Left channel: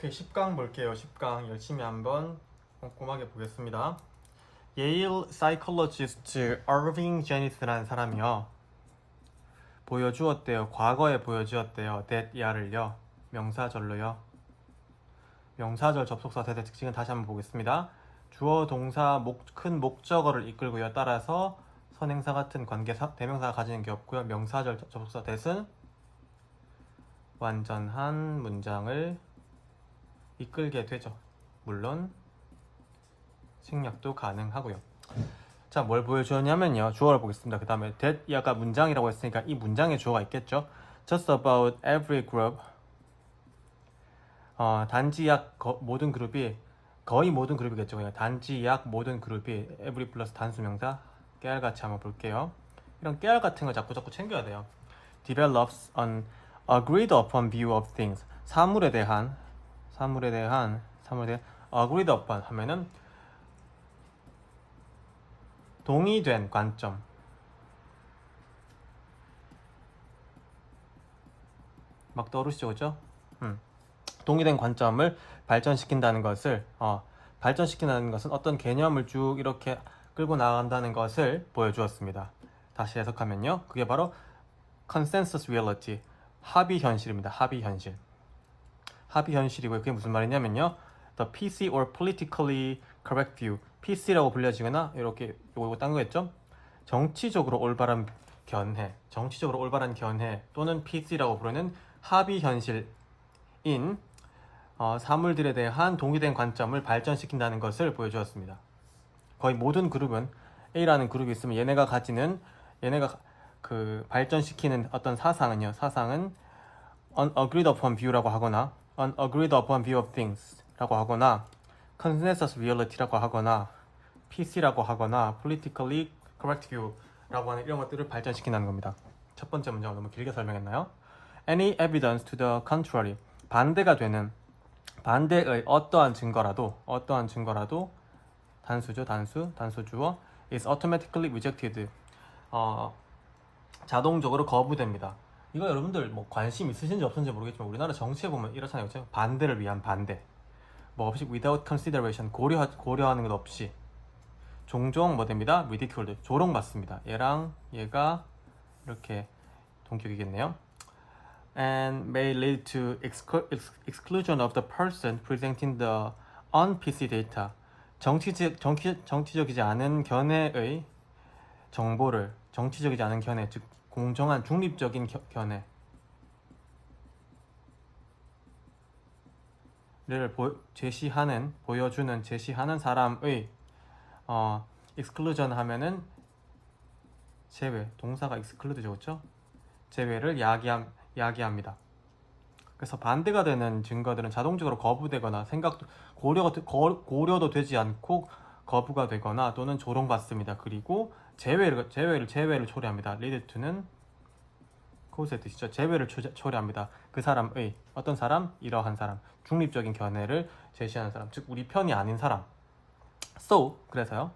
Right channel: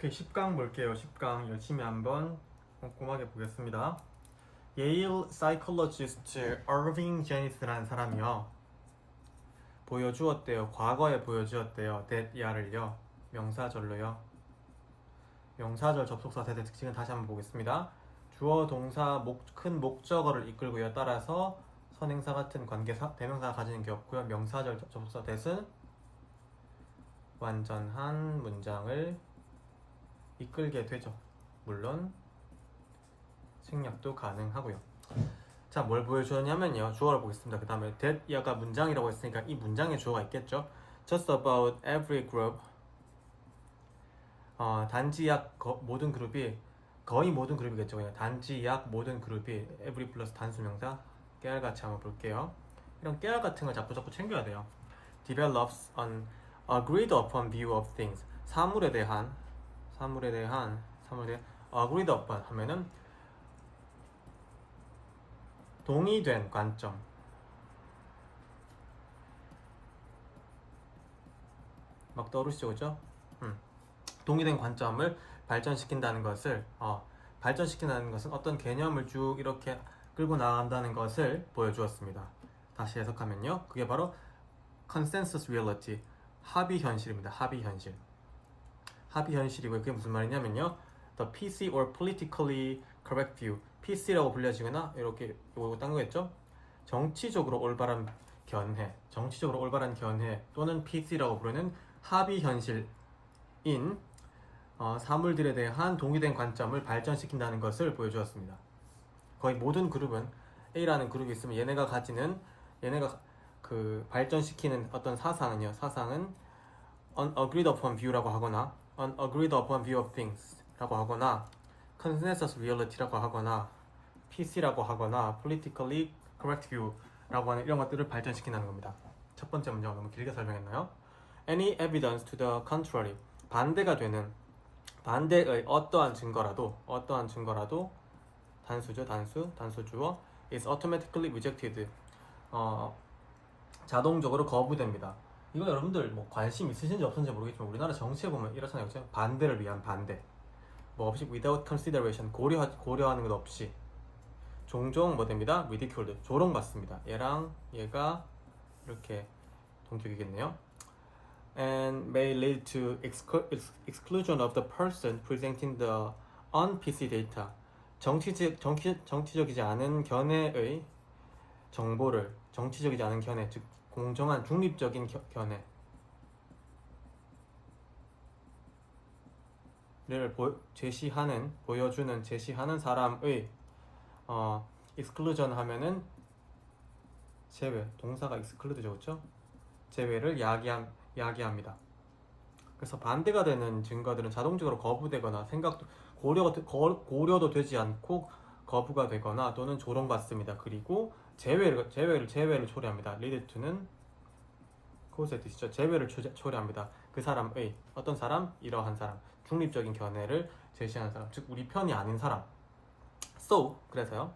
오케이, 10강 볼게요. 10강 열심히 한번 꼼꼼하게 보겠습니다. 예일 사이콜로지스트 어빙 제니스라는 사람이요. 보여주었대요. 과거에 보여주었대요. that 야를요. 명사절로요. 명사절 접속사 대대 특징은 다시 한번 보겠습니다. 주어 동사 큰 목적어를 이끌고요. 따라서 선행사 같은 관계사 대명사가 가지는 게 없고요. 명사절 접속사 대은 완전한 문장을 이끌게 되죠. 물론 생략도 가능하고요. 자, 뭘 보여주었냐면요. 주어를 보겠습니다. 그 다음에 that 야가 문장이라고 했으니까 이 문장에 주어가 있겠죠. Just about every group. 단지 약 모든 그룹이 거의 모든 그룹이겠죠. 그냥 단지 약 모든 그룹이 every 플러스 단수명사 깨알같이 한번 볼게요. 이런 깨알 같은 걸 자꾸 챙겨야 돼요. Develops an agreed upon view of things. 사물에 대한 agreed upon 하면은 동의된 관점. 막 떠오르시죠, 그죠? 동의된 관점을 발전시킨다는 것은 어떤 개념을 쭉 이렇게 끌고 나간다는 것을 보여주었습니다. 다시 해석하면요, 그게 바로 consensus reality, 합의 현실입니다. 합의 현실이고요. 그게 무슨 말이냐면요, the PC or politically correct view, PC라고 불려지거나 이렇게 요거 딴 거겠죠? 정치적으로 올바른 견해 또는 PC라고 부르는 합의 현실인 사물들에 대한 동의된 관점을 발전시킨다는 것을 보여주었습니다. 거의 모든 그룹은 A라는 그룹이 있으면 얘네가 그 발전시키는 어떤 사상은 unagreed upon view라고 하거나 unagreed upon view of things 라고 하거나 consensus reality라고 하거나 PC라고 하거나 politically correct view라고 하는 이런 것들을 발전시킨다는 겁니다. 첫 번째 문장을 너무 길게 설명했나요? Any evidence to the contrary, 반대의 어떠한 증거라도 단수 주어 is automatically rejected, 자동적으로 거부됩니다. 이거 여러분들 뭐 관심 있으신지 없으신지 모르겠지만 우리나라 정치에 보면 이렇잖아요. 그렇죠? 반대를 위한 반대, 뭐 없이 without consideration, 고려하는 것 없이 종종 뭐 됩니다? ridiculed, 조롱받습니다. 얘가 이렇게 동격이겠네요. And may lead to exclusion of the person presenting the un-PC data. 정치적이지 않은 견해의 정보를, 정치적이지 않은 견해, 즉 공정한 중립적인 견해를 제시하는 사람의 exclusion 하면은 제외, 동사가 exclude죠, 그렇죠? 제외를 야기합니다. 그래서 반대가 되는 증거들은 자동적으로 거부되거나 고려도 되지 않고 거부가 되거나 또는 조롱받습니다. 그리고 제외를 초래합니다. lead to는 그것의 뜻이죠. 제외를 초래합니다. 그 사람의, 어떤 사람? 이러한 사람, 중립적인 견해를 제시하는 사람, 즉 우리 편이 아닌 사람. So, 그래서요,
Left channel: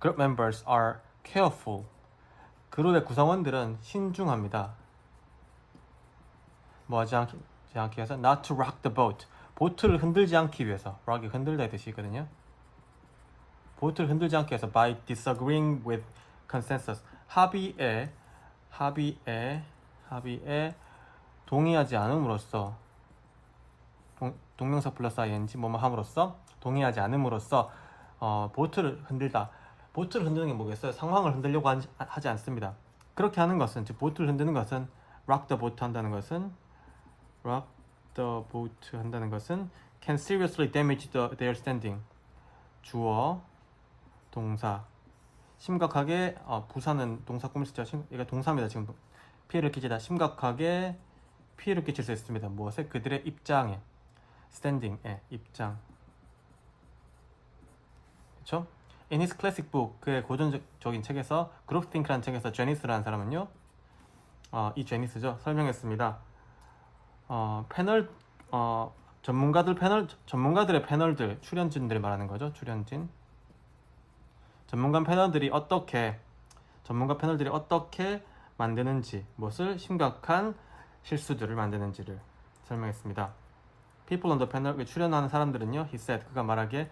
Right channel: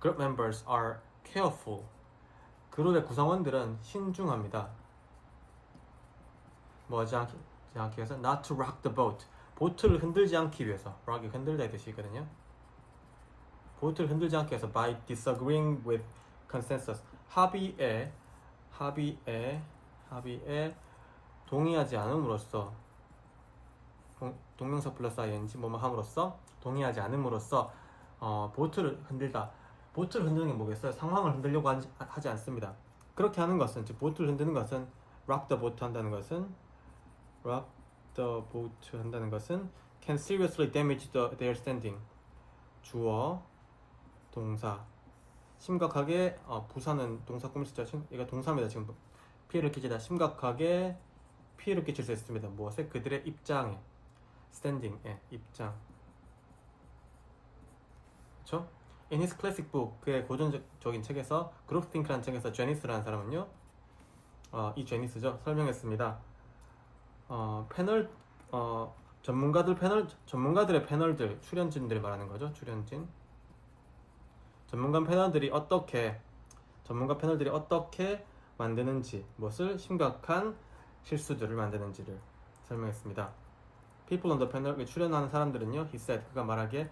group members are careful. 그룹의 구성원들은 신중합니다. 뭐 하지 않기 위해서 not to rock the boat, 보트를 흔들지 않기 위해서. rock이 흔들다 뜻이거든요. 보트를 흔들지 않기 위해서 by disagreeing with consensus, 합의에 동의하지 않음으로써, 동명사 플러스 ing 뭐뭐 함으로써, 동의하지 않음으로써 보트를 흔드는 게 뭐겠어요? 상황을 흔들려고 하지 않습니다. 그렇게 하는 것은, 즉 보트를 흔드는 것은, rock the boat 한다는 것은 can seriously damage their standing. 주어, 동사, 심각하게, 부사는 동사 꾸미시죠. 이거 동사입니다. 지금 심각하게 피해를 끼칠 수 있습니다. 무엇에? 그들의 입장에, standing의 입장. 그렇죠? In his classic book, 그의 고전적인 책에서, 그룹스팅크라는 책에서 제니스라는 사람은요, 이 제니스죠, 설명했습니다. 전문가들의 패널들, 출연진들 말하는 거죠. 전문가 패널들이 어떻게 만드는지, 무엇을 심각한 실수들을 만드는지를 설명했습니다. People on the panel 출연하는 사람들은요, he said, 그가 말하기에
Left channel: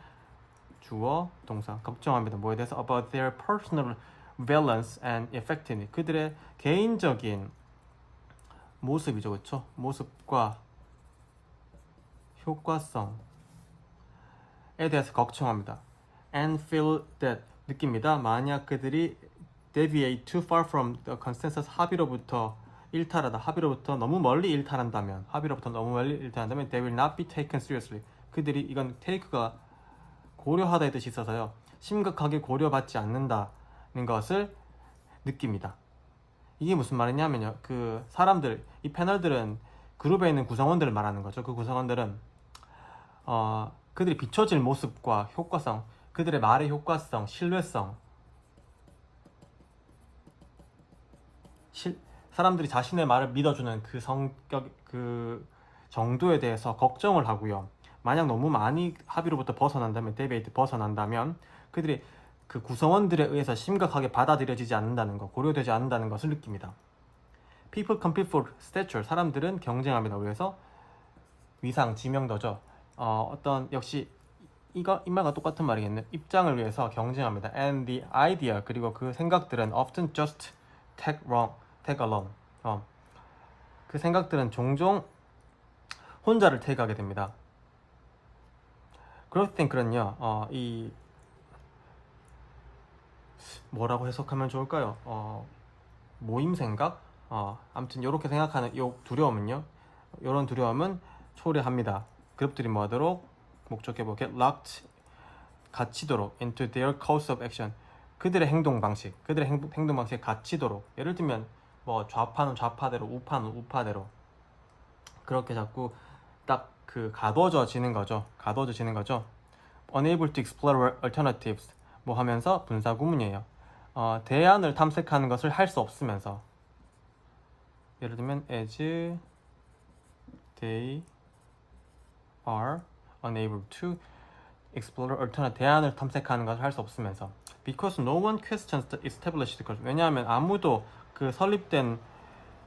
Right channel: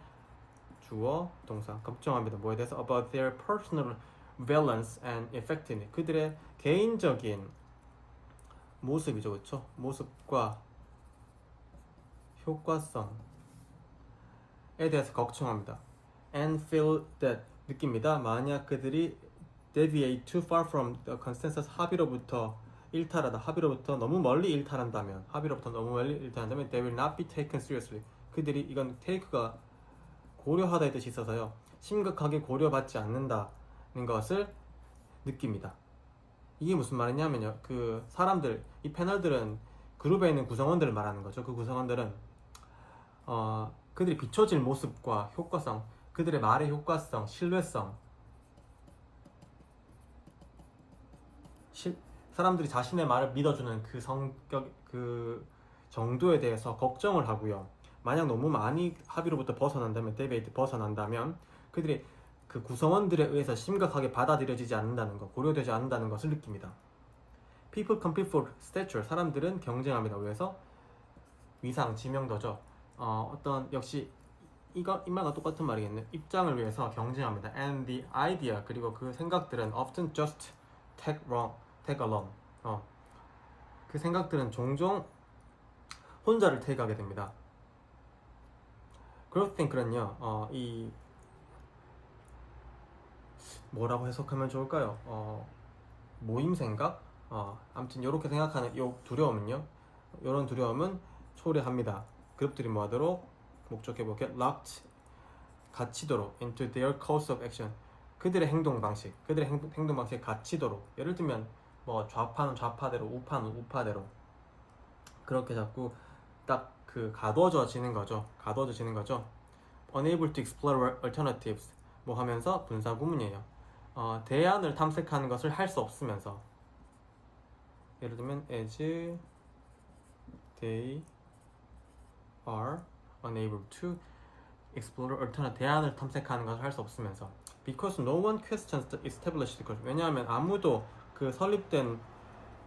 주어, 동사, 걱정합니다. 뭐에 대해서? About their personal valence and effectiveness. 그들의 개인적인 모습이죠, 그렇죠? 모습과 효과성에 대해서 걱정합니다. And feel that, 느낍니다. 만약 그들이 deviate too far from the consensus, 합의로부터 일탈하다, 합의로부터 너무 멀리 일탈한다면, they will not be taken seriously. 그들이, 이건 take가 고려하다 의 뜻이 있어서요, 심각하게 고려받지 않는다는 것을 느낍니다. 이게 무슨 말이냐면요, 그 사람들, 이 패널들은 그룹에 있는 구성원들을 말하는 거죠. 그 구성원들은 그들이 비춰질 모습과 효과성, 그들의 말의 효과성, 신뢰성, 사람들이 자신의 말을 믿어주는 그 성격, 그 정도에 대해서 걱정을 하고요. 만약 너무 많이 합의로부터 벗어난다면, 데베이트 벗어난다면, 그들이 그 구성원들에 의해서 심각하게 받아들여지지 않는다는 것, 고려되지 않는다는 것을 느낍니다. People compete for stature. 사람들은 경쟁합니다. 그래서 위상, 지명도죠. 어떤, 역시 이 말과 똑같은 말이겠네. 입장을 위해서 경쟁합니다. And the idea, 그리고 그 생각들은 often just tag along. 그 생각들은 종종 혼자를 택하게 됩니다. 그럴 땐는요, 이 뭐라고 해석하면 좋을까요? 모임 생각? 아무튼 이렇게 생각하는 이 두려움은요, 이런 두려움은 초래합니다. 그룹들이 뭐하도록? 목적해보 get locked, 갇히도록 into their course of action. 그들의 행동 방식, 행동 방식에 갇히도록. 예를 들면 뭐 좌파는 좌파대로, 우파는 우파대로, 그렇게 자꾸 딱 그 가둬져지는 거죠. Unable to explore alternatives. 뭐 하면서 분사 구문이에요. 대안을 탐색하는 것을 할 수 없으면서. 예를 들면 as they are unable to explore alternative, 대안을 탐색하는 것을 할 수 없으면서. Because no one questions the established culture. 왜냐하면 아무도 그 설립된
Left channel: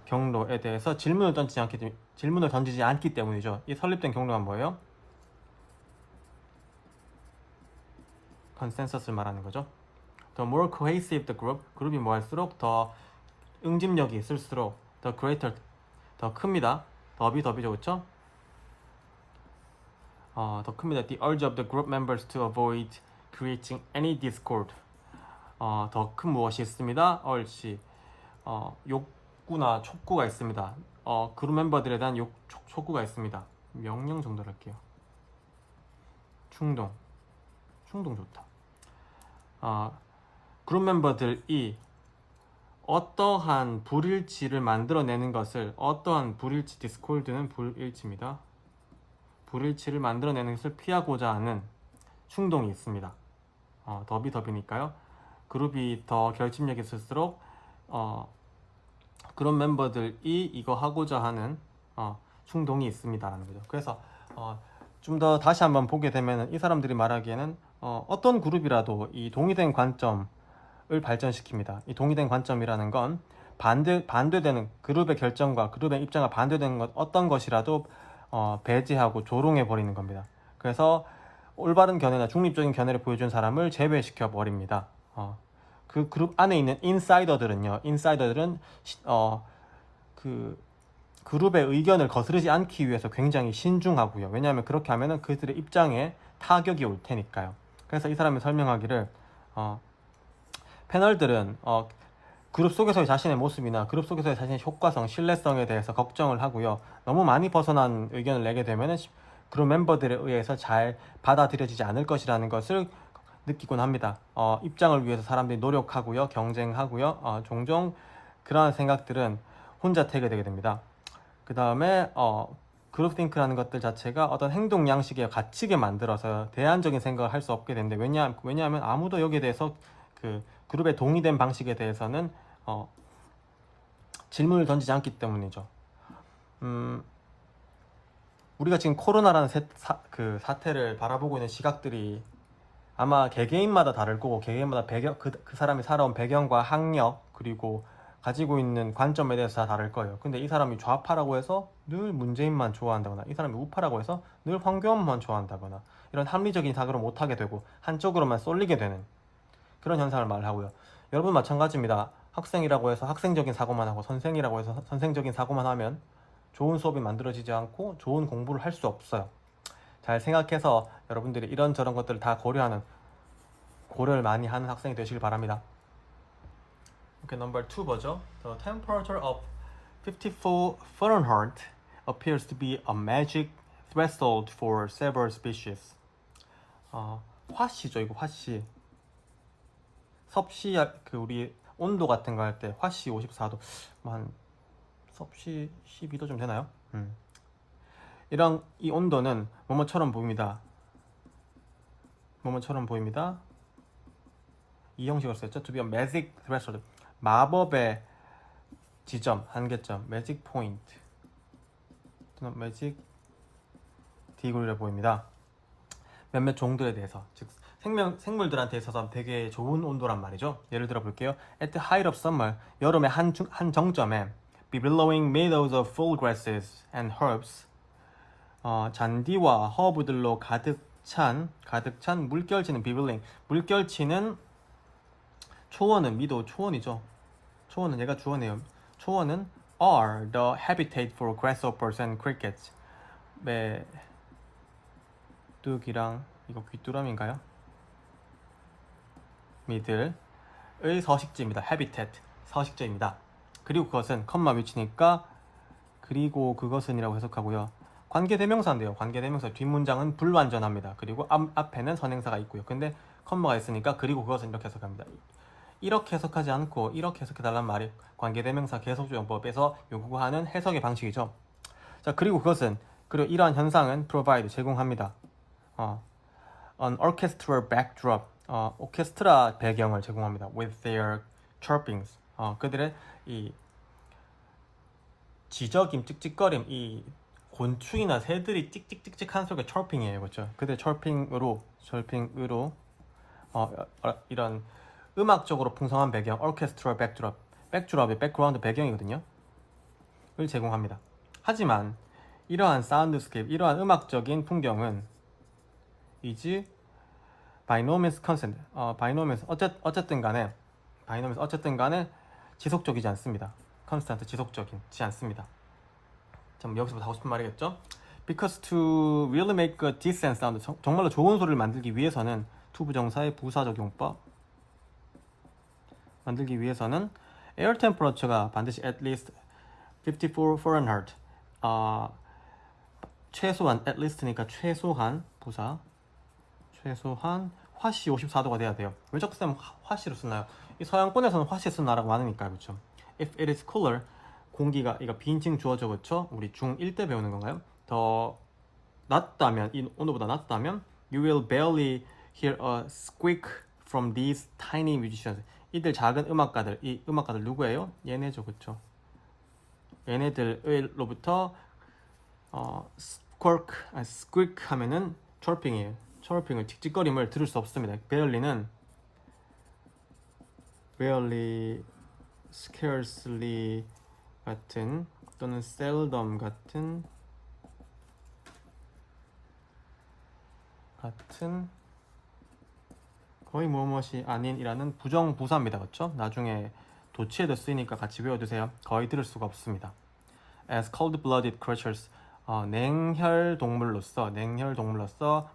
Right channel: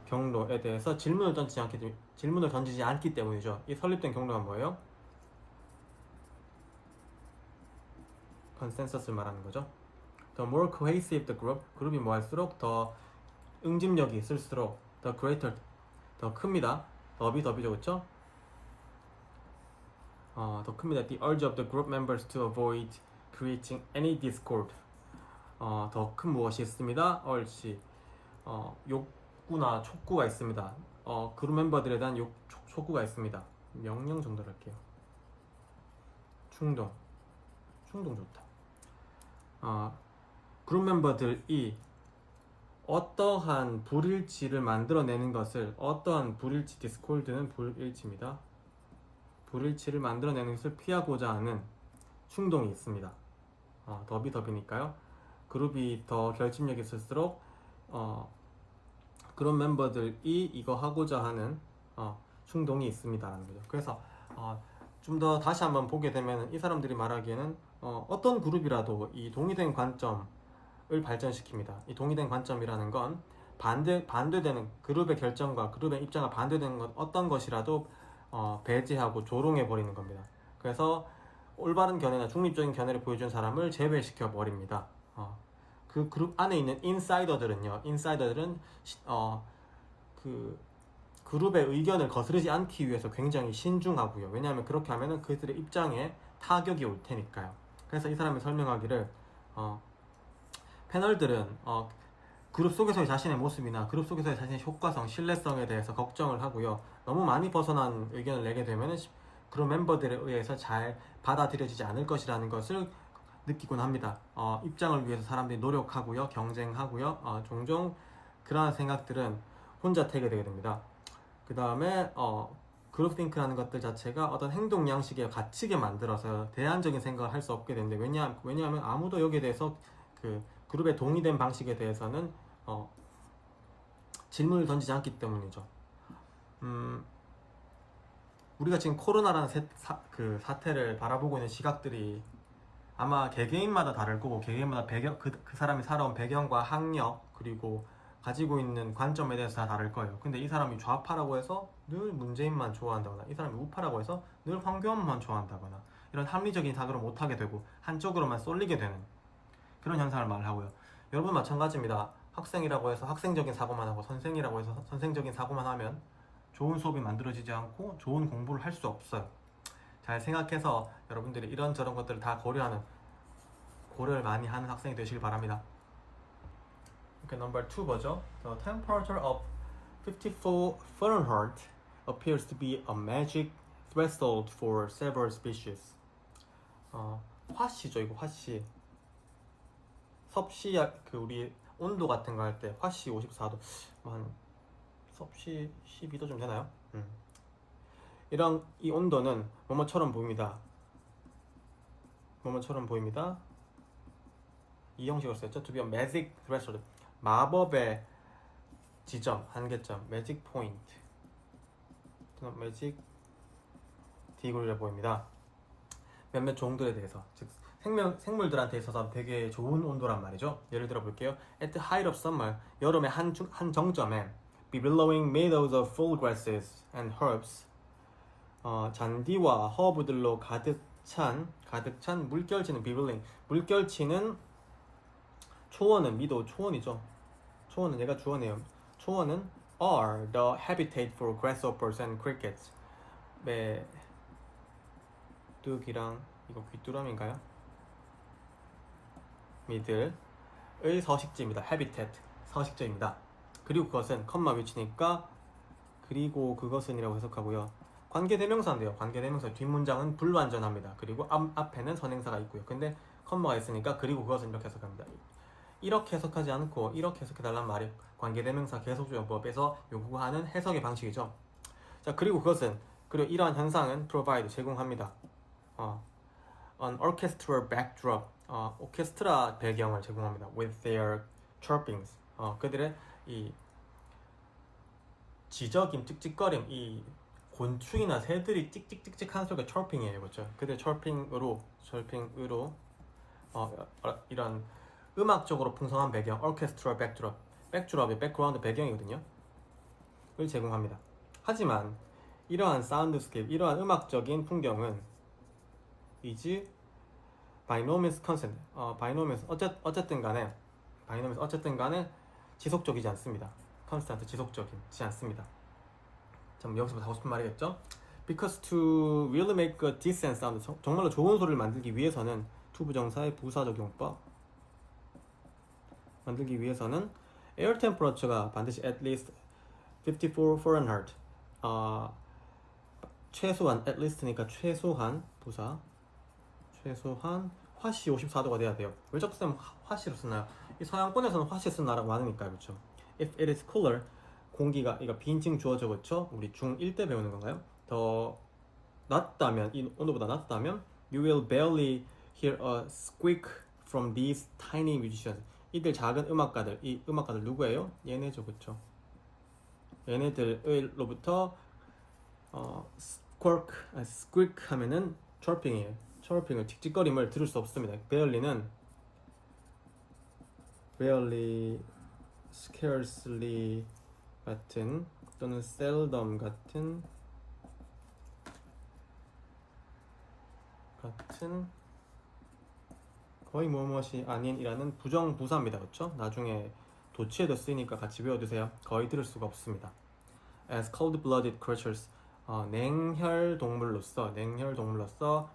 경로에 대해서 질문을 던지지 않기 때문이죠. 이 설립된 경로가 뭐예요? 컨센서스를 말하는 거죠. The more cohesive the group, 그룹이 뭐 할수록 더 응집력이 있을수록 the greater, 더 큽니다. 더비죠, 그렇죠? 더 큽니다. The urge of the group members to avoid creating any discord. 더 큰 무엇이 있습니다. urge, 욕구나 촉구가 있습니다. 그룹 멤버들에 대한 촉구가 있습니다. 명령 정도로 할게요. 충동 좋다. 그룹 멤버들이 어떠한 불일치를 만들어내는 것을, 어떠한 불일치, 디스콜드는 불일치입니다. 불일치를 만들어내는 것을 피하고자 하는 충동이 있습니다. 더비니까요. 그룹이 더 결집력이 있을수록 그런 멤버들이 이거 하고자 하는 충동이 있습니다라는 거죠. 그래서 좀 더 다시 한번 보게 되면 이 사람들이 말하기에는 어떤 그룹이라도 이 동의된 관점을 발전시킵니다. 이 동의된 관점이라는 건 반대되는 그룹의 결정과 그룹의 입장과 반대되는 것, 어떤 것이라도 배제하고 조롱해 버리는 겁니다. 그래서 올바른 견해나 중립적인 견해를 보여준 사람을 제외시켜 버립니다. 그 그룹 안에 있는 인사이더들은 그 그룹의 의견을 거스르지 않기 위해서 굉장히 신중하고요. 왜냐하면 그렇게 하면은 그들의 입장에 타격이 올 테니까요. 그래서 이 사람이 설명하기를 패널들은 그룹 속에서의 자신의 모습이나 그룹 속에서의 자신의 효과성, 신뢰성에 대해서 걱정을 하고요. 너무 많이 벗어난 의견을 내게 되면은 그룹 멤버들에 의해서 잘 받아들여지지 않을 것이라는 것을 느끼곤 합니다. 입장을 위해서 사람들이 노력하고요, 경쟁하고요. 종종 그러한 생각들은 혼자 태게 됩니다. 그 다음에 그룹띵크라는 것들 자체가 어떤 행동 양식에 갇히게 만들어서 대안적인 생각을 할 수 없게 되는데, 왜냐하면 아무도 여기에 대해서 그 그룹의 동의된 방식에 대해서는 질문을 던지지 않기 때문이죠. 우리가 지금 코로나라는 사태를 바라보고 있는 시각들이 아마 개개인마다 다를 거고, 개개인마다 그 사람이 살아온 배경과 학력, 그리고 가지고 있는 관점에 대해서 다 다를 거예요. 근데 이 사람이 좌파라고 해서 늘 문재인만 좋아한다거나 이 사람이 우파라고 해서 늘 황교안만 좋아한다거나 이런 합리적인 사고를 못하게 되고 한쪽으로만 쏠리게 되는 그런 현상을 말하고요. 여러분 마찬가지입니다. 학생이라고 해서 학생적인 사고만 하고 선생이라고 해서 선생적인 사고만 하면 좋은 수업이 만들어지지 않고 좋은 공부를 할 수 없어요. 잘 생각해서 여러분들이 이런저런 것들을 다 고려를 많이 하는 학생이 되시길 바랍니다. Okay, number 2 뭐죠? The temperature of 54 Fahrenheit appears to be a magic threshold for several species. 화씨죠, 이거 화씨. 섭씨 그 우리 온도 같은 거 할 때 화씨 54도 한 섭씨 12도 좀 되나요? 이런 이 온도는 뭐뭐처럼 보입니다. 뭐뭐처럼 보입니다. 이 형식으로 썼죠. To be a magic threshold. 마법의 지점, 한계점, magic point. 또는 magic 디그리라 보입니다. 몇몇 종들에 대해서, 즉 생물들한테 있어서 되게 좋은 온도란 말이죠. 예를 들어 볼게요. At the height of summer, 여름의 한 정점에 billowing meadows of full grasses and herbs, 잔디와 허브들로 가득 찬 물결치는 billowing, 물결치는 초원은 미도 초원이죠. 초원은 얘가 주어네요. 초원은 are the habitat for grasshoppers and crickets. 메뚜기랑 이거 귀뚜라미인가요? 미들의 서식지입니다. habitat 서식지입니다. 그리고 그것은 컴마 위치니까 그리고 그것은이라고 해석하고요. 관계대명사인데요. 관계대명사 뒷문장은 불완전합니다. 그리고 앞에는 선행사가 있고요. 근데 컴마가 있으니까 그리고 그것은 이렇게 해석합니다. 이렇게 해석하지 않고 이렇게 해석해달란 말이 관계대명사 계속조용법에서 요구하는 해석의 방식이죠. 자, 그리고 그것은, 그리고 이러한 현상은 provide 제공합니다. An orchestral backdrop, 오케스트라 배경을 제공합니다. With their chirpings, 그들의 이 지저김, 찍찍거림, 이 곤충이나 새들이 찍찍찍찍 하는 소리가 chirping이에요, 그렇죠? 그들의 chirping으로 이런 음악적으로 풍성한 배경, orchestral backdrop, backdrop의 background 배경이거든요. 을 제공합니다. 하지만 이러한 사운드스케이프, 이러한 음악적인 풍경은 is by no means constant, 어쨌든 간에 지속적이지 않습니다. constant, 지속적이지 않습니다. 좀 여기서부터 하고 싶은 말이겠죠? Because to really make a decent sound, 정말로 좋은 소리를 만들기 위해서는 to 부정사의 부사적용법 만들기 위해서는 air temperature가 반드시 at least 54 Fahrenheit, 최소한 at least니까 최소한 부사, 최소한 화씨 54도가 돼야 돼요. 왜 자꾸 쌤 화씨로 쓰나요? 이 서양권에서는 화씨 쓰는 나라가 많으니까요, 그렇죠? If it is cooler, 공기가, 이거 비인칭 주어져, 그렇죠? 우리 중1 때 배우는 건가요? 더 낮다면, 이 온도보다 낮다면 you will barely hear a squeak from these tiny musicians. 이들 작은 음악가들, 이 음악가들 누구예요? 얘네죠, 그쵸? 얘네들로부터 squeak 하면은 chirping이에요. chirping을, 찍찍거림을 들을 수 없습니다. barely는 barely, scarcely 같은, 또는 seldom 같은 거의 무엇이 아닌이라는 부정부사입니다. 그렇죠? 나중에 도치에도 쓰이니까 같이 외워두세요. 거의 들을 수가 없습니다. As cold-blooded creatures, 냉혈 동물로서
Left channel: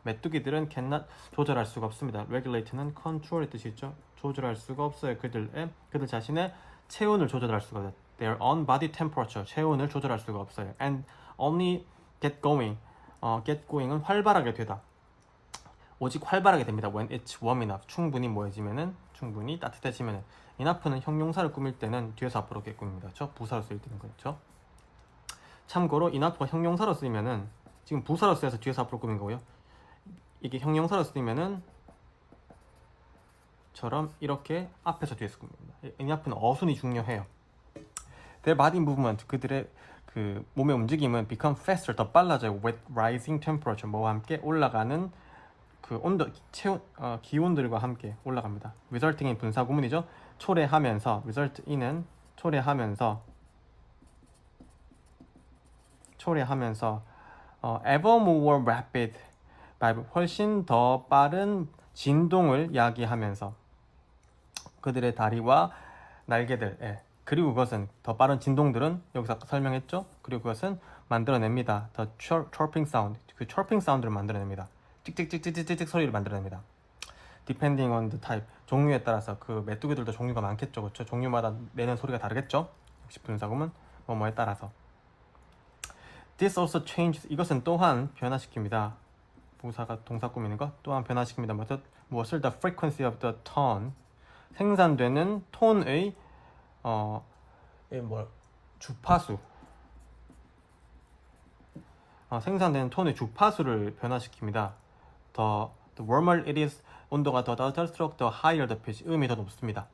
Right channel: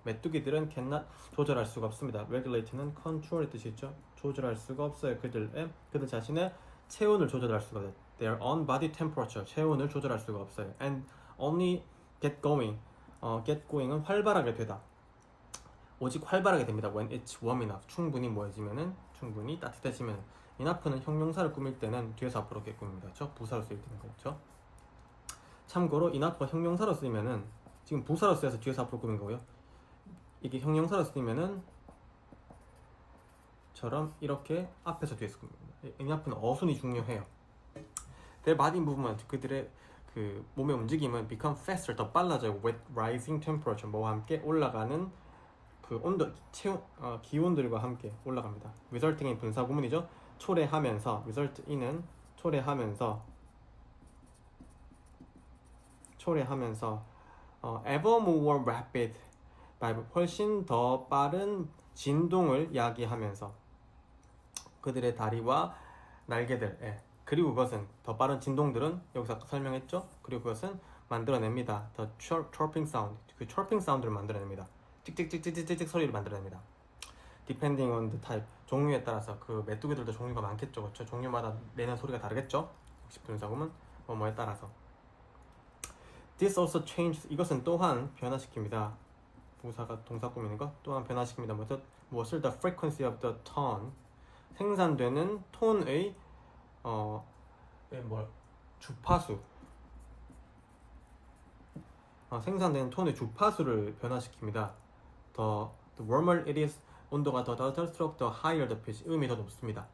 메뚜기들은 cannot, 조절할 수가 없습니다. Regulate는 control의 뜻이 있죠. 조절할 수가 없어요. 그들 자신의 체온을 조절할 수가 없어요. Their own body temperature, 체온을 조절할 수가 없어요. And only get going은 활발하게 되다. 오직 활발하게 됩니다. When it's warm enough, 충분히 따뜻해지면은. enough는 형용사를 꾸밀 때는 뒤에서 앞으로 이렇게 꾸밉니다. 그렇죠? 부사로 쓰일 때는 그렇죠. 참고로 enough가 형용사로 쓰이면은, 지금 부사로 쓰여서 뒤에서 앞으로 꾸민 거고요. 이게 형용사로 쓰이면은 처럼 이렇게 앞에서 뒤에서 꾸밉니다. enough는 어순이 중요해요. Their body movement, 그들의 그 몸의 움직임은 become faster, 더 빨라져요. With rising temperature, 뭐와 함께 올라가는 그 온도, 기온들과 함께 올라갑니다. resulting이 분사 구문이죠. 초래하면서, result in은 초래하면서 ever more rapid 훨씬 더 빠른 진동을 야기하면서 그들의 다리와 날개들 그리고 그것은 더 빠른 진동들은 여기서 아까 설명했죠? 그리고 그것은 만들어냅니다. The chirping sound 그 chirping 사운드를 만들어냅니다. 찍찍찍찍찍찍 소리를 만들어냅니다. Depending on the type 종류에 따라서 그 메뚜기들도 종류가 많겠죠. 그렇죠? 종류마다 내는 소리가 다르겠죠? 60분사금은 뭐뭐에 따라서 This also changes 이것은 또한 변화시킵니다. 부사가 동사 꾸미는 것 또한 변화시킵니다. 무엇을 the frequency of the tone 생산되는 톤의 주파수 생산되는 톤의 주파수를 변화시킵니다. The warmer it is 온도가 더 낮을수록 the higher the pitch 음이 더 높습니다.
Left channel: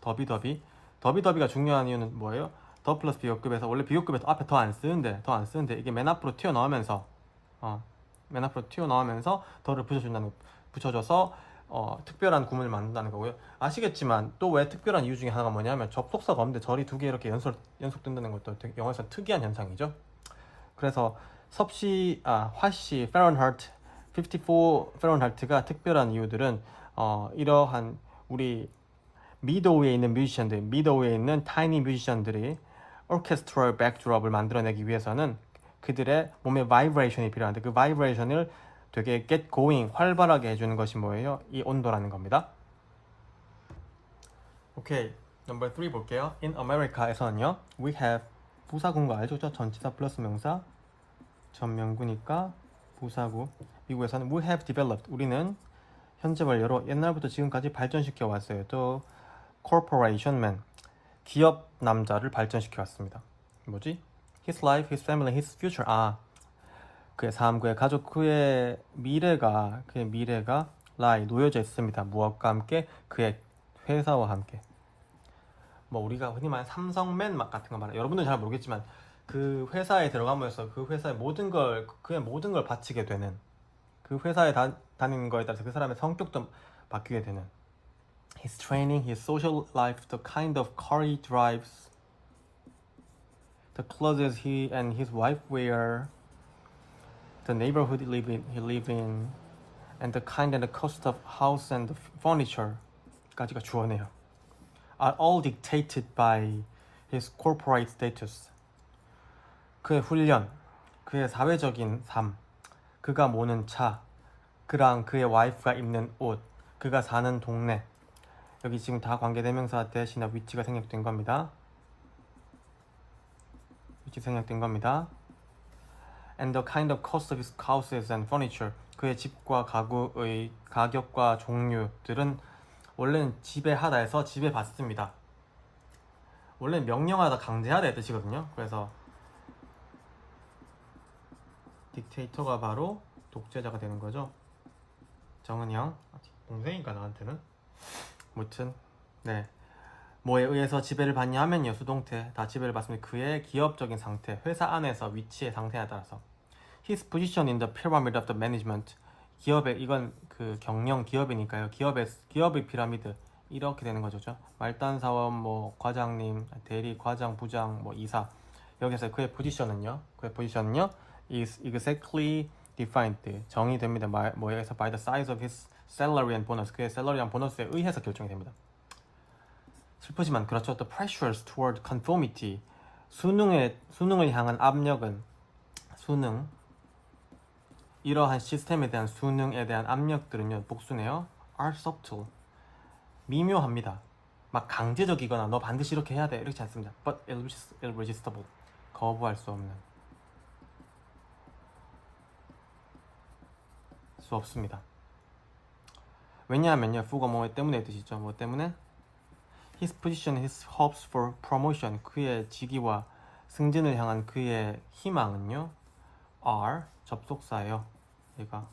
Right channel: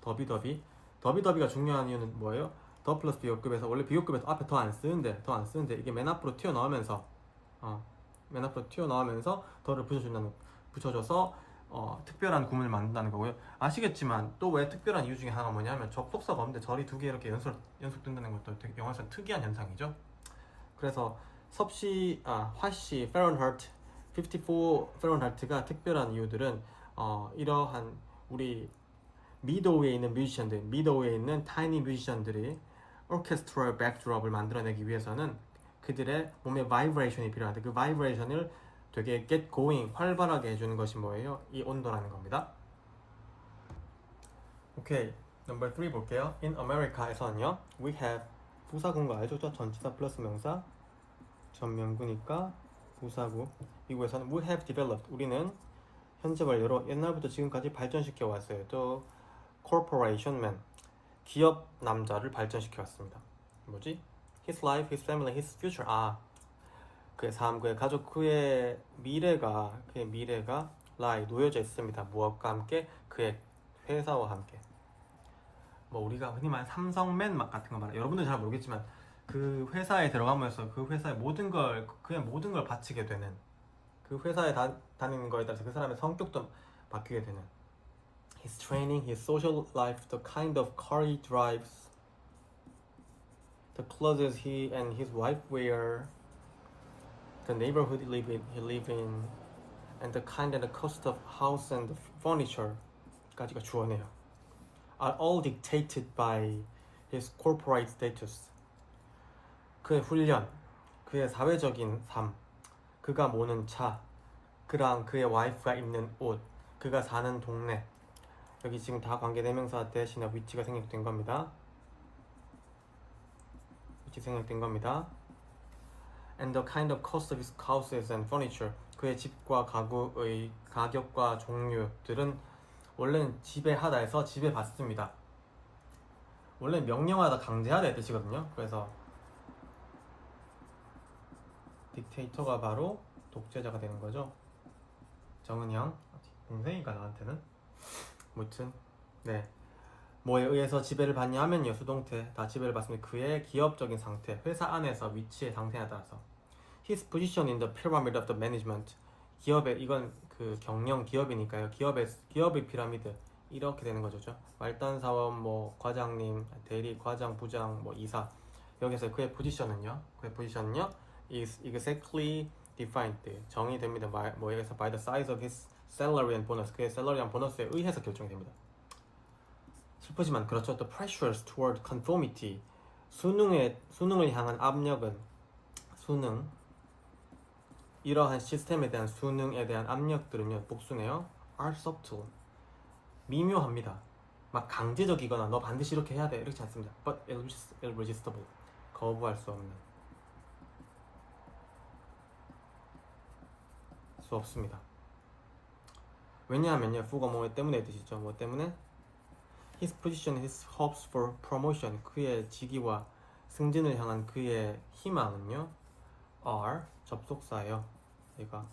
더비가 중요한 이유는 뭐예요? 더 플러스 비교급에서 원래 비교급에서 앞에 더 안 쓰는데 이게 맨 앞으로 튀어나오면서 더를 붙여줘서 특별한 구문을 만든다는 거고요. 아시겠지만 또 왜 특별한 이유 중에 하나가 뭐냐면 접속사가 없는데 절이 두 개 이렇게 연속된다는 것도 영어에서 특이한 현상이죠. 그래서 화씨 페런하이트 54 페런하이트가 특별한 이유들은 이러한 우리 미드웨이에 있는 미드웨이에 있는 타이니 뮤지션들이 오케스트럴 백드롭을 만들어내기 위해서는 그들의 몸에 바이브레이션이 필요한데 그 바이브레이션을 되게 get going 활발하게 해주는 것이 뭐예요? 이 온도라는 겁니다. 오케이, 넘버 3 볼게요. In America에서는요, we have 부사구인 거 알죠? 전치사 플러스 명사 전면구니까 부사구. 미국에서는 we have developed 우리는 현재 완료로 옛날부터 지금까지 발전시켜 왔어요. 또 corporation man 기업 남자를 발전시켜 왔습니다. 뭐지? His life, his family, his future. 그의 삶, 그의 가족, 그의 미래가 lie 놓여져 있습니다. 무엇과 함께? 그의 회사와 함께. 뭐 우리가 흔히 말하는 삼성맨 같은 거 말해요. 여러분들은 잘 모르겠지만 그 회사에 들어가면서 그 회사의 그의 모든 걸 바치게 되는 그 회사에 다니는 거에 따라서 그 사람의 성격도 바뀌게 되는 His training, his social life, the kind of car he drives, the clothes he and his wife wear, the neighborhood he live in, and the kind and the cost of house and furniture까지가 주어네요. Are all dictated by his corporate status. 그의 훈련, 그의 사회적인 삶, 그가 모는 차, 그랑 그의 와이프가 입는 옷, 그가 사는 동네. 여기 지금 다 관계대명사 대신에 위치가 생략된 겁니다. And the kind of cost of his houses and furniture. 그의 집과 가구의 가격과 종류들은 원래는 지배하다 해서 지배받습니다. 원래는 명령하다, 강제하다의 뜻이거든요. 그래서 딕테이터가 바로 독재자가 되는 거죠. 정은영 동생이니까 나한테는 무튼 뭐에 의해서 지배를 받냐 하면요, 수동태 다 지배를 받습니다. 그의 기업적인 상태, 회사 안에서 위치의 상태에 따라서 his position in the pyramid of the management. 이건 그 경영 기업이니까요. 기업의 피라미드 이렇게 되는 거죠. 말단 사원, 뭐 과장님, 대리, 과장, 부장, 뭐 이사. 여기서 그의 포지션은요 is exactly defined 정의됩니다. 여기서 by the size of his salary and bonus. 그의 샐러리랑 보너스에 의해서 결정됩니다. 슬프지만 그렇죠. The pressures toward conformity. 수능을 향한 압력은 이러한 시스템에 대한 수능에 대한 압력들은요, 복수네요. are subtle. 미묘합니다. 막 강제적이거나 너 반드시 이렇게 해야 돼 이렇지 않습니다. But irresistible. 거부할 수 없습니다. 왜냐하면요, fu가 뭐 때문에 뜻이죠. 뭐 때문에? His position, his hopes for promotion. 그의 직위와 승진을 향한 그의 희망은요, are 접속사예요. 얘가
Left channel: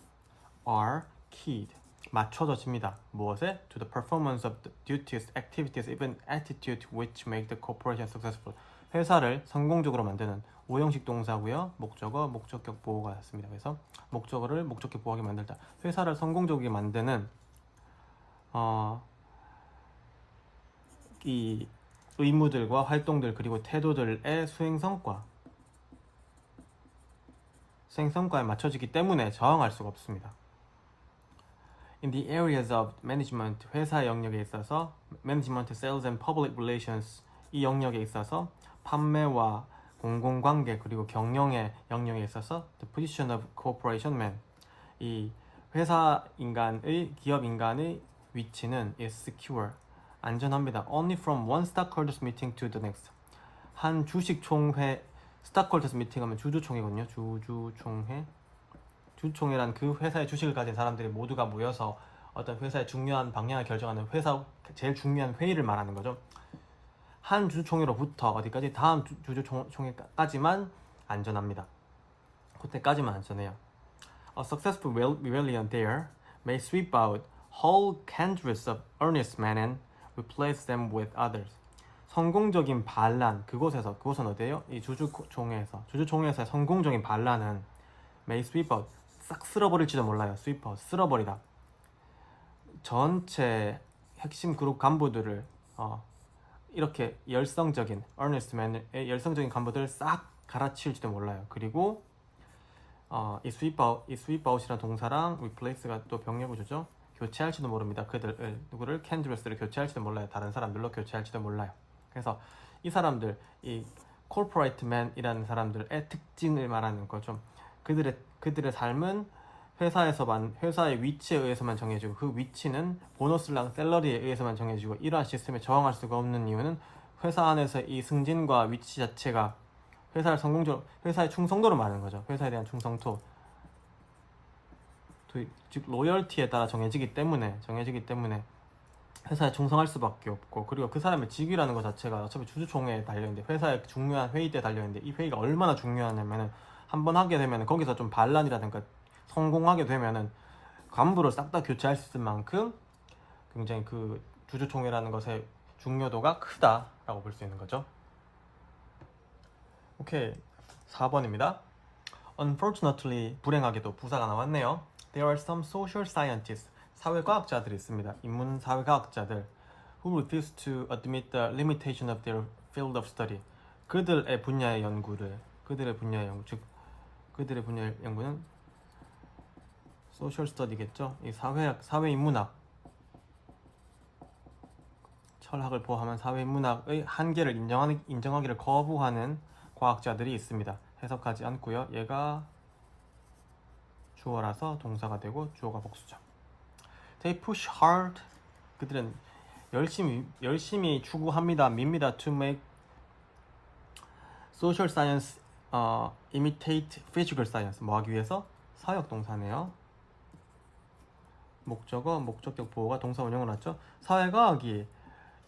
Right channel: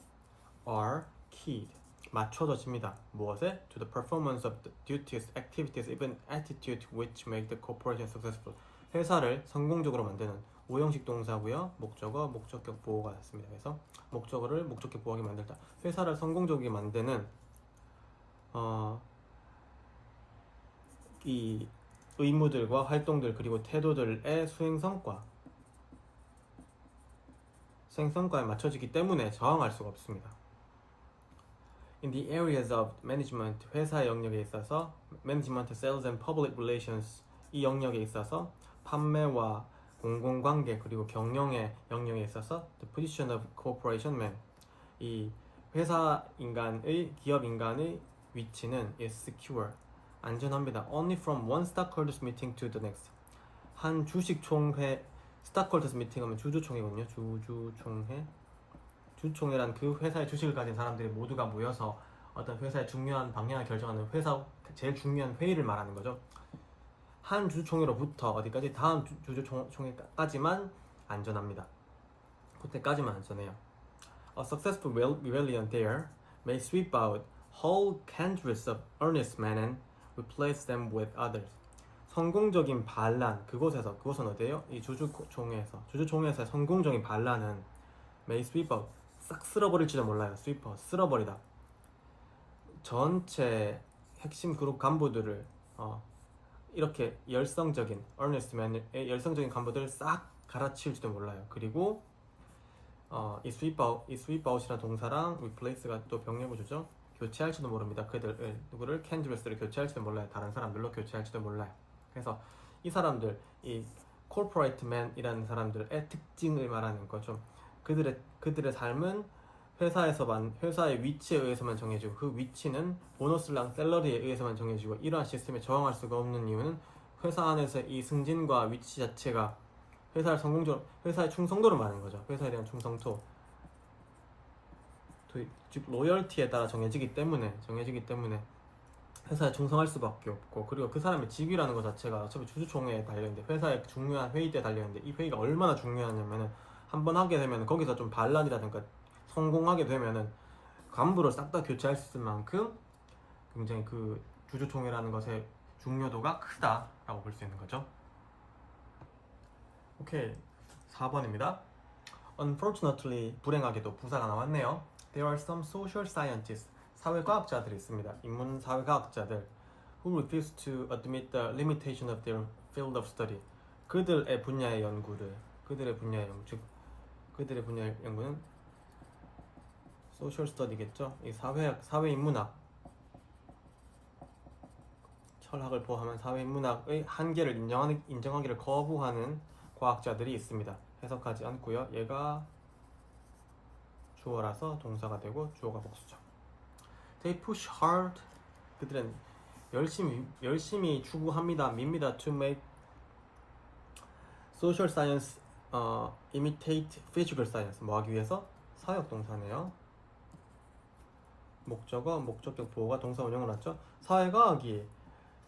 are keyed 맞춰져집니다. 무엇에? To the performance of the duties, activities, even attitude which make the corporation successful. 회사를 성공적으로 만드는 오형식 동사고요. 목적격 보호가 있습니다. 그래서 목적어를 목적격 보호하게 만들다. 회사를 성공적이게 만드는 이 의무들과 활동들 그리고 태도들의 수행성과에 맞춰지기 때문에 저항할 수가 없습니다. In the areas of management, 회사 영역에 있어서 management, sales and public relations 이 영역에 있어서 판매와 공공관계 그리고 경영의 영역에 있어서 the position of corporation man 이 회사 인간의 기업 인간의 위치는 is secure 안전합니다. Only from one stockholders meeting to the next 한 주식총회 stockholders meeting 하면 주주총회거든요. 주주총회란 그 회사의 주식을 가진 사람들이 모두가 모여서 어떤 회사의 중요한 방향을 결정하는 회사 제일 중요한 회의를 말하는 거죠. 한 주주총회로부터 어디까지 다음 주주총회까지만 안전합니다. 그때까지만 안전해요. A successful rebellion there may sweep out whole countries of earnest men and replace them with others. 성공적인 반란 그것은 어디예요? 이 주주총회에서의 성공적인 반란은 may sweep out 싹 쓸어버릴지도 몰라요. sweep out 쓸어버리다. 전체 핵심 그룹 간부들을 이렇게 열성적인 earnest men의 열성적인 간부들을 싹 갈아치울지도 몰라요. 그리고 이 sweep out이라는 동사랑 replace가 또 병렬구조죠. 교체할지도 모릅니다. 누구를 캔드레스를 교체할지도 몰라요. 다른 사람들로 교체할지도 몰라요. 그래서 이 사람들, 이 corporate man이라는 사람들의 특징을 말하는 거죠. 그들의 삶은 회사의 위치에 의해서만 정해지고 그 위치는 보너스랑 샐러리에 의해서만 정해지고 이러한 시스템에 저항할 수가 없는 이유는 회사 안에서 이 승진과 위치 자체가 회사의 충성도를 말하는 거죠. 회사에 대한 충성도 즉 로열티에 따라 정해지기 때문에 회사에 충성할 수밖에 없고 그리고 그 사람의 직위라는 것 자체가 어차피 주주총회에 달려있는데 회사의 중요한 회의 때 달려있는데 이 회의가 얼마나 중요하냐면은 한번 하게 되면 거기서 좀 반란이라든가 성공하게 되면은 간부를 싹 다 교체할 수 있을 만큼 굉장히 그 주주총회라는 것의 중요도가 크다라고 볼 수 있는 거죠. 오케이 4번입니다. Unfortunately 불행하게도 부사가 나왔네요. There are some social scientists 사회과학자들이 있습니다. 인문 사회과학자들 who refuse to admit the limitation of their field of study 그들의 분야의 연구 즉 그들의 분야의 연구는 social study겠죠. 이 사회인문학 철학을 포함한 사회인문학의 한계를 인정하기를 거부하는 과학자들이 있습니다. 해석하지 않고요. 얘가 주어라서 동사가 되고 주어가 복수죠. They push hard. 그들은 열심히 추구합니다. 밉니다. To make social science imitate physical science. 뭐 하기 위해서? 사역 동사네요. 목적격 보호가 동사 원형으로 났죠. 사회과학이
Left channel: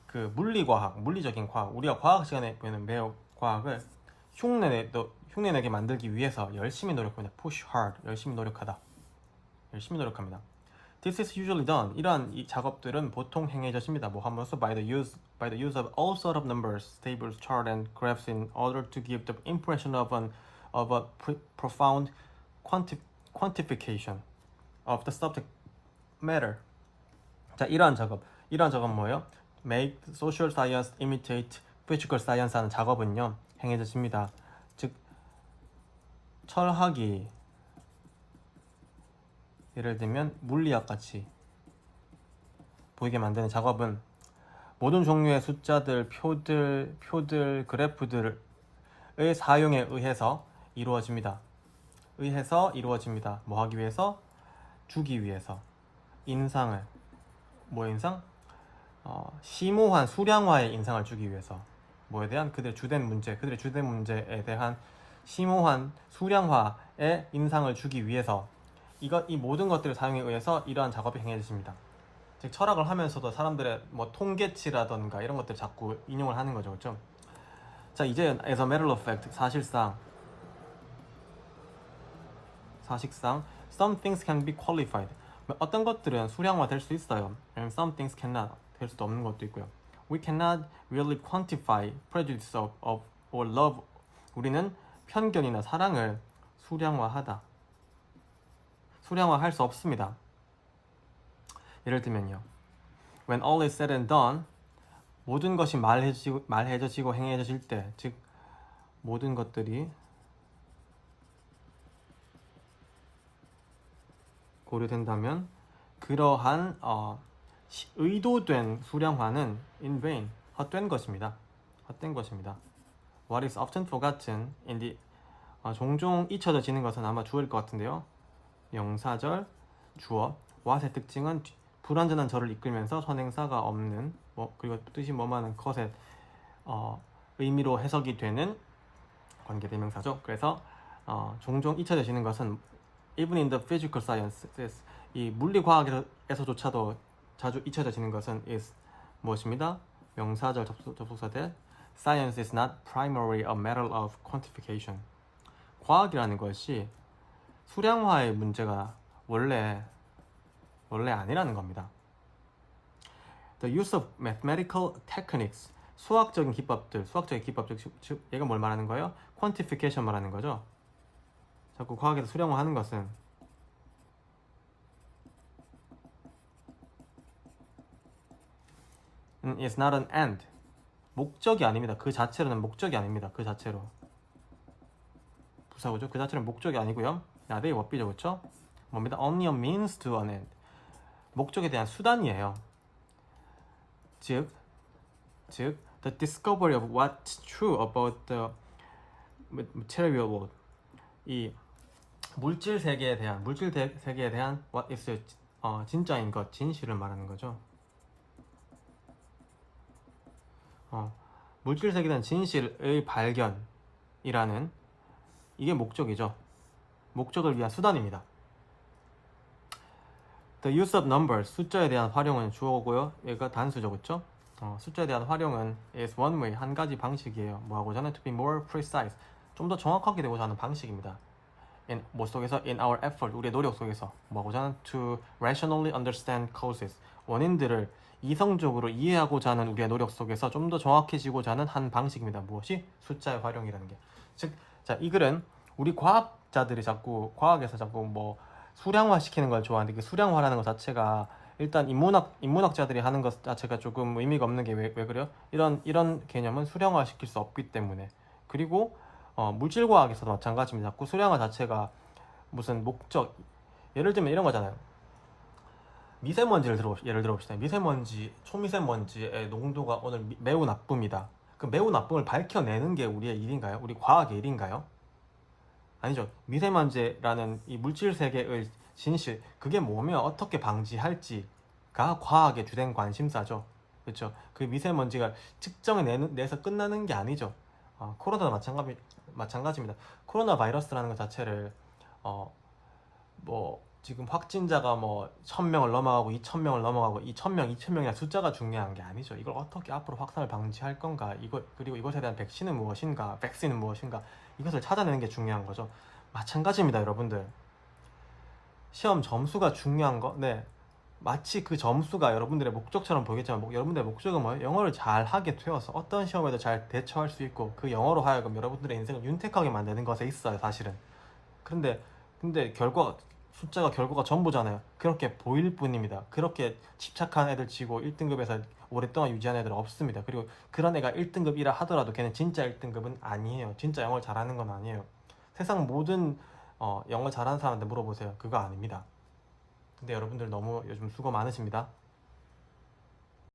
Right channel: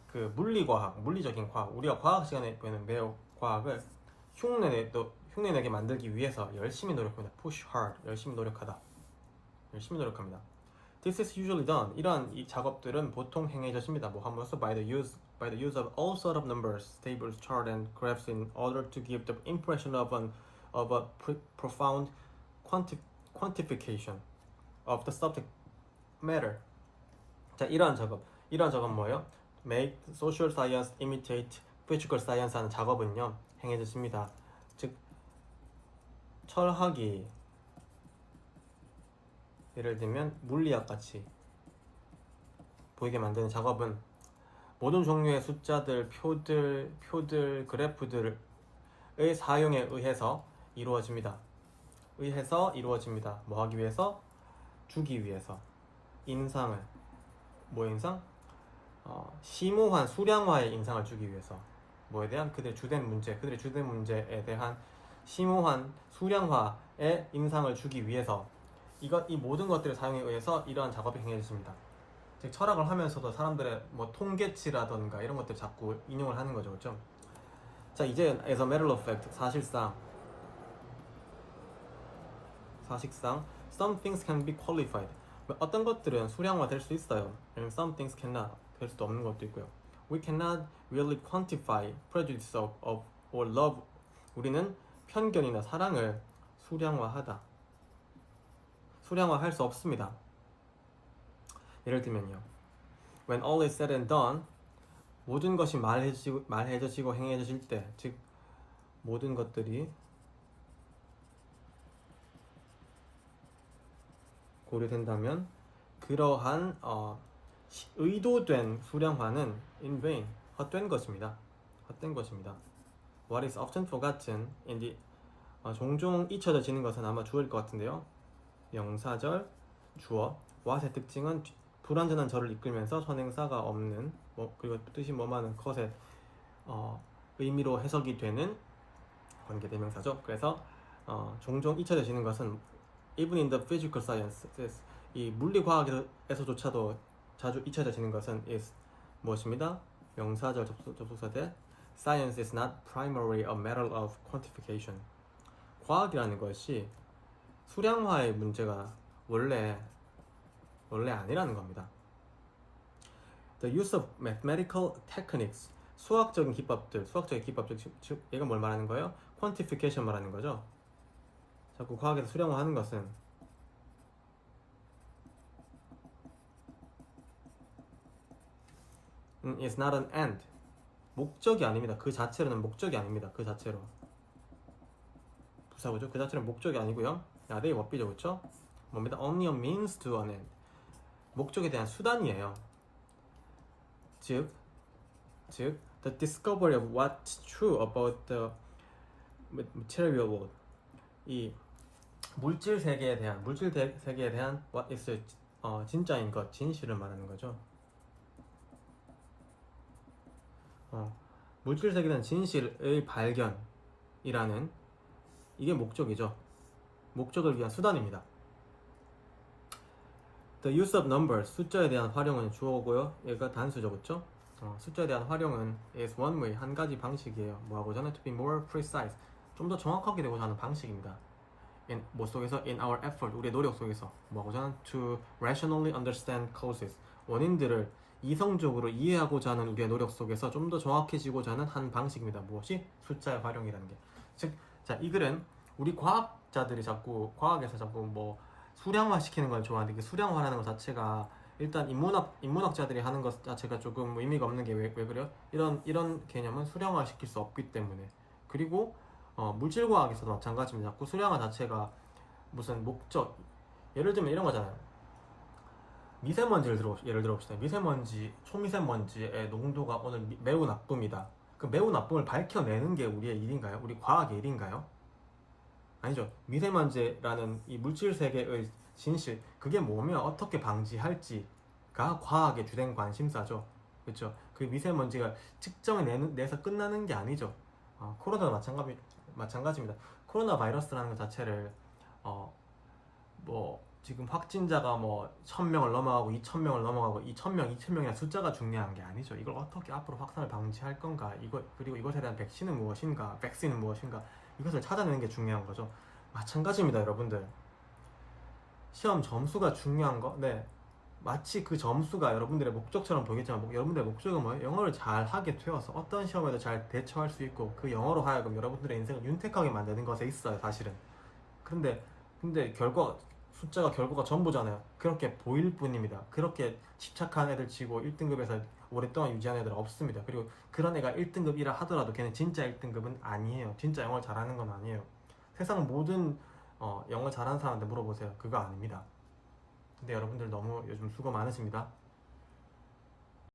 그 물리적인 과학, 우리가 과학 시간에 배우는 매우 과학을 흉내내게 만들기 위해서 열심히 노력합니다. Push hard, 열심히 노력합니다. This is usually done. 이러한 이 작업들은 보통 행해졌습니다. 뭐 하면서 by the use of all sort of numbers, tables, chart, and graphs in order to give the impression of a profound quantification of the subject matter. 자, 이러한 작업은 뭐예요? Make social science imitate physical science 하는 작업은요 행해졌습니다. 즉 철학이 예를 들면 물리학 같이 보이게 만드는 작업은 모든 종류의 숫자들, 표들, 그래프들의 사용에 의해서 이루어집니다. 뭐 하기 위해서? 주기 위해서. 인상을 심오한 수량화의 인상을 주기 위해서. 뭐에 대한? 그들의 주된 문제에 대한 심오한 수량화의 인상을 주기 위해서 이 모든 것들을 사용에 의해서 이러한 작업이 행해졌습니다. 즉 철학을 하면서도 사람들의 뭐 통계치라던가 이런 것들 자꾸 인용을 하는 거죠, 그렇죠? 자, 이제 as a matter of fact 사실상 some things can be qualified. 어떤 것들은 수량화 될 수 있어요. Some things cannot 될 수도 없는 것도 있고요. We cannot really quantify prejudice or love. 우리는 편견이나 사랑을 수량화할 수 없습니다. 예를 들면요. When all is said and done, 모든 것이 말해져지고 행해져질 때, 즉 모든 것들이 고려된다면 그러한 의도된 수량화는 in vain, 헛된 것입니다. 헛된 것입니다. What is often forgotten in the 종종 잊혀져지는 것은 아마 주어일 것 같은데요. 명사절 주어. what의 특징은 불완전한 절을 이끌면서 선행사가 없는 그리고 뜻이 뭐마는 컷의 의미로 해석이 되는 관계대명사죠. 그래서 종종 잊혀져지는 것은 even in the physical sciences, 이 물리과학에서조차도 자주 잊혀져지는 것은 is 무엇입니다? 명사절 접속사 대 Science is not primarily a matter of quantification. 과학이라는 것이 수량화의 문제가 원래 아니라는 겁니다. The use of mathematical techniques, 수학적인 기법들, 즉 얘가 뭘 말하는 거예요? quantification 말하는 거죠. 자꾸 과학에서 수량화하는 것은 is not an end, 목적이 아닙니다. 그 자체로는 목적이 아닙니다. 그 자체로 부사고죠. 그 자체는 목적이 아니고요. 나대의 법비죠, 그렇죠? 뭡니다? Only a means to an end, 목적에 대한 수단이에요. 즉 the discovery of what's true about the material world, 이 물질 세계에 대한 what is 진짜인 것, 진실을 말하는 거죠. 물질 세계에 대한 진실의 발견이라는 이게 목적이죠. 목적을 위한 수단입니다. The use of numbers, 숫자에 대한 활용은 주어고요. 얘가 단수죠, 그렇죠? 숫자에 대한 활용은 is one way, 한 가지 방식이에요. 뭐하고자 하는 to be more precise, 좀 더 정확하게 되고자 하는 방식입니다. 뭐 속에서 in our effort, 우리의 노력 속에서 뭐하고자 하는 to rationally understand causes, 원인들을 이성적으로 이해하고자 하는 우리의 노력 속에서 좀 더 정확해지고자 하는 한 방식입니다. 무엇이? 숫자의 활용이라는 게. 즉, 자, 이 글은 우리 과학자들이 과학에서 자꾸 뭐 수량화 시키는 걸 좋아하는데, 그 수량화라는 것 자체가 일단 인문학자들이 하는 것 자체가 조금 의미가 없는 게 왜 그래요? 이런 개념은 수량화 시킬 수 없기 때문에. 그리고 물질과학에서도 마찬가지입니다. 자꾸 수량화 자체가 무슨 목적, 예를 들면 이런 거잖아요. 미세먼지를 예를 들어봅시다. 초미세먼지의 농도가 오늘 매우 나쁩니다. 그 매우 나쁨을 밝혀내는 게 우리의 일인가요? 우리 과학의 일인가요? 아니죠. 미세먼지라는 이 물질 세계의 진실, 그게 뭐며 어떻게 방지할지가 과학의 주된 관심사죠. 그렇죠. 그 미세먼지가 측정해 내서 끝나는 게 아니죠. 코로나도 마찬가지입니다. 코로나 바이러스라는 것 자체를 지금 확진자가 1000명을 넘어가고 2000명을 넘어가고 2000명, 2000명이나 숫자가 중요한 게 아니죠. 이걸 어떻게 앞으로 확산을 방지할 건가, 그리고 이것에 대한 백신은 무엇인가, 이것을 찾아내는 게 중요한 거죠. 마찬가지입니다, 여러분들. 시험 점수가 중요한 거, 네, 마치 그 점수가 여러분들의 목적처럼 보이겠지만 여러분들의 목적은 뭐예요? 영어를 잘 하게 되어서 어떤 시험에도 잘 대처할 수 있고, 그 영어로 하여금 여러분들의 인생을 윤택하게 만드는 것에 있어요, 사실은. 근데 숫자가 결과가 전부잖아요. 그렇게 보일 뿐입니다. 그렇게 집착한 애들 치고 1등급에서 오랫동안 유지한 애들은 없습니다. 그리고 그런 애가 1등급이라 하더라도 걔는 진짜 1등급은 아니에요. 진짜 영어를 잘하는 건 아니에요. 세상 모든 영어 잘하는 사람한테 물어보세요. 그거 아닙니다. 근데 여러분들 너무 요즘 수고 많으십니다.